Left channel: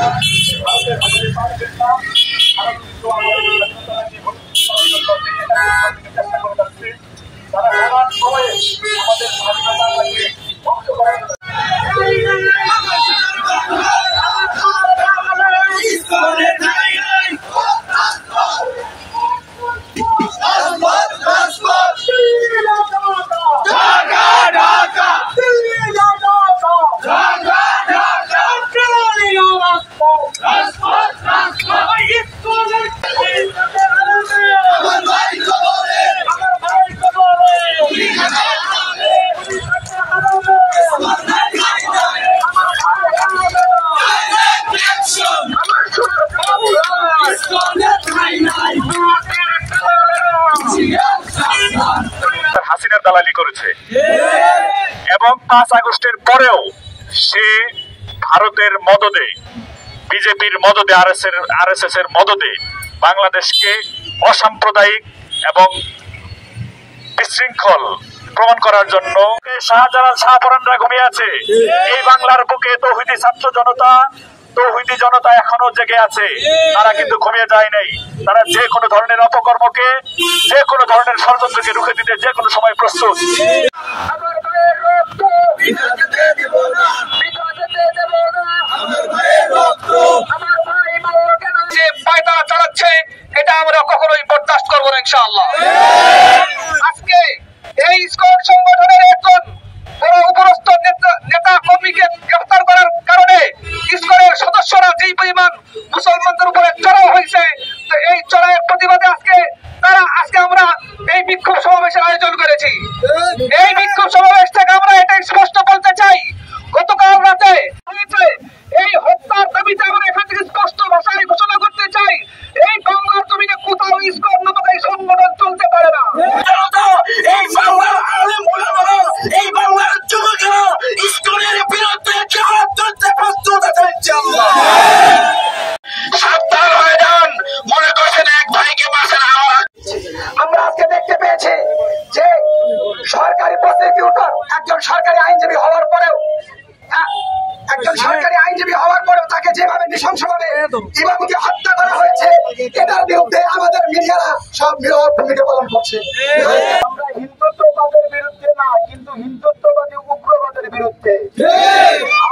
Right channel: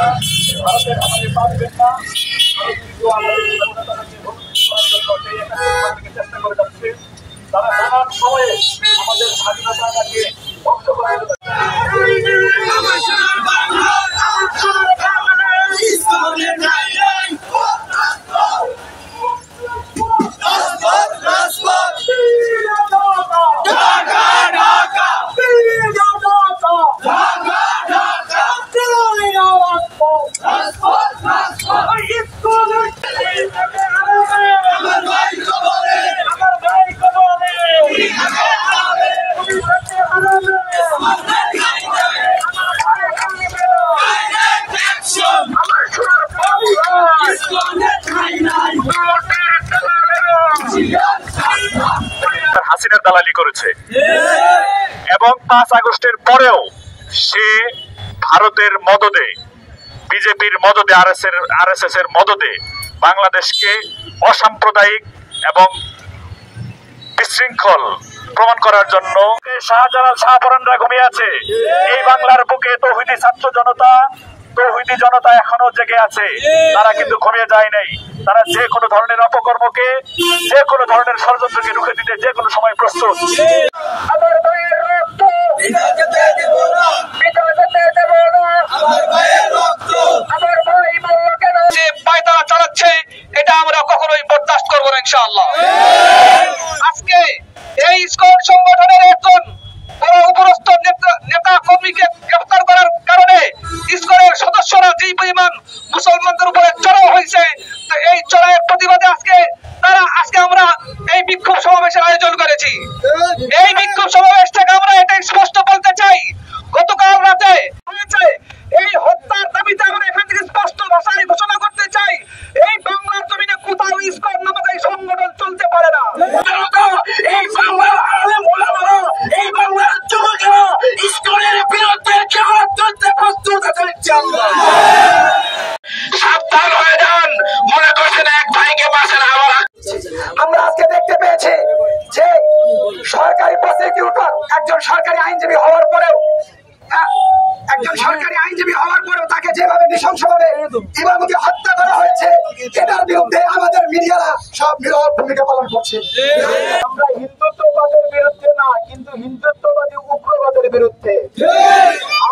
ভারতের আমাদের পারবেন না। ভারত কিন্তু আমাদের স্বাধীনতাকে ভবিষ্যৎ করার জন্য সেই একাত্তর চেষ্টা করে যাচ্ছে। তারা নানান সময়ে আমাদের স্বাধীনতাকে ধ্বংস করার জন্য হাসিনার দালালি করেছে এবং 5 আগস্টের পরেও সে ভারতের মদদে, বিজেপির মদদে, আরএসএস এর মদদে বাংলাদেশকে অসাম্প্রদায়িক এবং বিশৃঙ্খল প্রমাণ করার জন্য শাহজালাল শাহপরানরা ঘুমিয়ে আছে। এই বাংলার বুকে তৌহিদি ছাত্র জনতা, তৌহিদি জনতা এখনো জেগে আছে। তারা কিন্তু ঘুমিয়ে যায় নাই। তারা যে কোনো ধরনের অপকর্মকে, যে কোনো ধরনের ষড়যন্ত্রকে রুখে দিতে যে কোনো সময় প্রস্তুত। যে পায়তারা চালাচ্ছে এটা আমরা কখনোই বরদাস্ত করবো না ইনশাআল্লাহ। আজকে এই ইসকন সংগঠনের একজন বড় উপরস্থ নেতা কর্মীকে গ্রেফতার করার কারণে ইসকনের সদস্যরা যেই পরিমাণ মুসলমানদের উপরে চড়াও হয়েছে, তো এই চড়াইয়ের প্রতিবাদে আজকে আমরা এই বিক্ষোভ সমাবেশের আয়োজন করেছি। এই বিক্ষোভ সমাবেশ থেকে আমরা এটাই স্পষ্ট বলতে চাই, গতকাল রাতে হয়েছে এই হত্যার দাবিতে আমরা এখান থেকে স্পষ্ট ভাষায় ঘোষণা করতে চাই, এই বাংলার জমিনে কোথাও ইসকন নামক এই সংগঠন চলতে পারে না। এই বাংলার আলেম ওলামারা, এই বাংলার যুবকেরা ইসকনের বিরুদ্ধে জিহাদ করতে প্রস্তুত আছে ইনশাআল্লাহ। সাবধান হয়ে যান, মনে করছেন এক ভাইকে বাঁচান আমার। আমরা আজকে দেখতে পেয়েছি যে সরকারি প্রসিকিউটর একজন সরকারি আইনজীবী হওয়ার পরেও তাকে যেভাবে নৃশংসভাবে ইমামকে হত্যা করা হয়েছে, এটার বিরুদ্ধে আমাদের মিডিয়ারা সব নীরব ভূমিকা পালন করছে। আমরা হিন্দুত্ববাদের বিরুদ্ধে না, কিন্তু হিন্দুত্ববাদী উগ্রবাদের বিরুদ্ধে।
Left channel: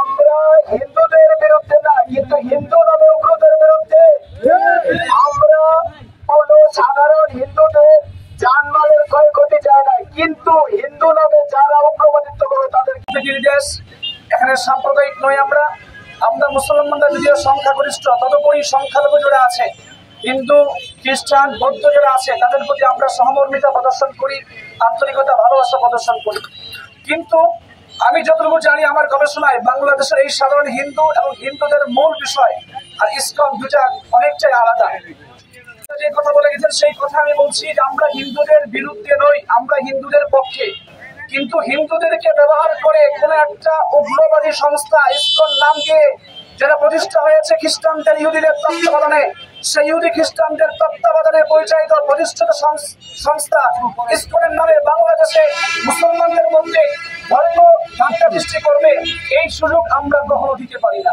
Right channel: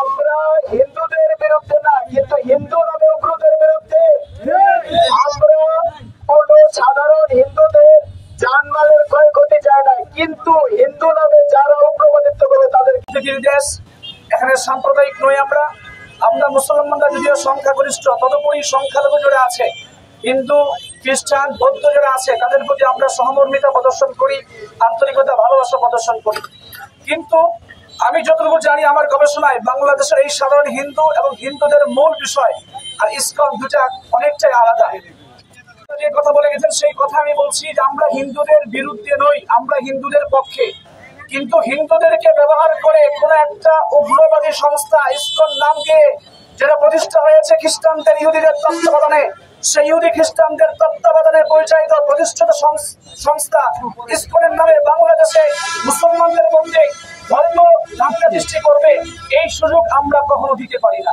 আমরা হিন্দুদের বিরুদ্ধে না, কিন্তু হিন্দু নামে উগ্রদের বিরুদ্ধে। আমরা কোন সাধারণ হিন্দুদের জানমালের ক্ষয়ক্ষতি চাই না, কিন্তু হিন্দু নামে যারা উগ্রবাদিত্ব করে তাদের দেশ। এখানে সাম্প্রদায়িক নই আমরা মুসলমানরা যদিও সংখ্যাগরিষ্ঠ, তদুপরি সংখ্যালঘু যারা আছে, হিন্দু, খ্রিস্টান, বৌদ্ধ যারা আছে, তাদের প্রতি আমরা সহমর্মিতা প্রদর্শন করি, আন্তরিকতা, ভালোবাসা প্রদর্শন করি। কিন্তু আমি যতটুকু জানি আমার গবেষণায় বাংলাদেশের এই সাধারণ হিন্দু এবং হিন্দুদের মূল বিষয় আর ইসকন দুটা অনেকটাই আলাদা। যে কথা বলে গেছেন সেই কথা আমি বলছি যে আমরা হিন্দুদের বিরুদ্ধে নই, আমরা হিন্দুদের পক্ষে। কিন্তু হিন্দুদেরকে ব্যবহার করে কোন একটা উগ্রবাদী সংস্থা ইসকন নাম দিয়ে যেটা প্রতিষ্ঠা হয়েছে খ্রিস্টানদের, ইহুদিদের তত্ত্বাবধানে, সেই ইহুদি খ্রিস্টানদের তত্ত্বাবধানে পরিচালিত প্রতিষ্ঠিত সংস্থা ইসকনের নামে বাংলাদেশে মুসলমানদের মধ্যে ধর্ম দাঙ্গা সৃষ্টি করবে, এই সুযোগ আমরা কখনো দিতে পারি না।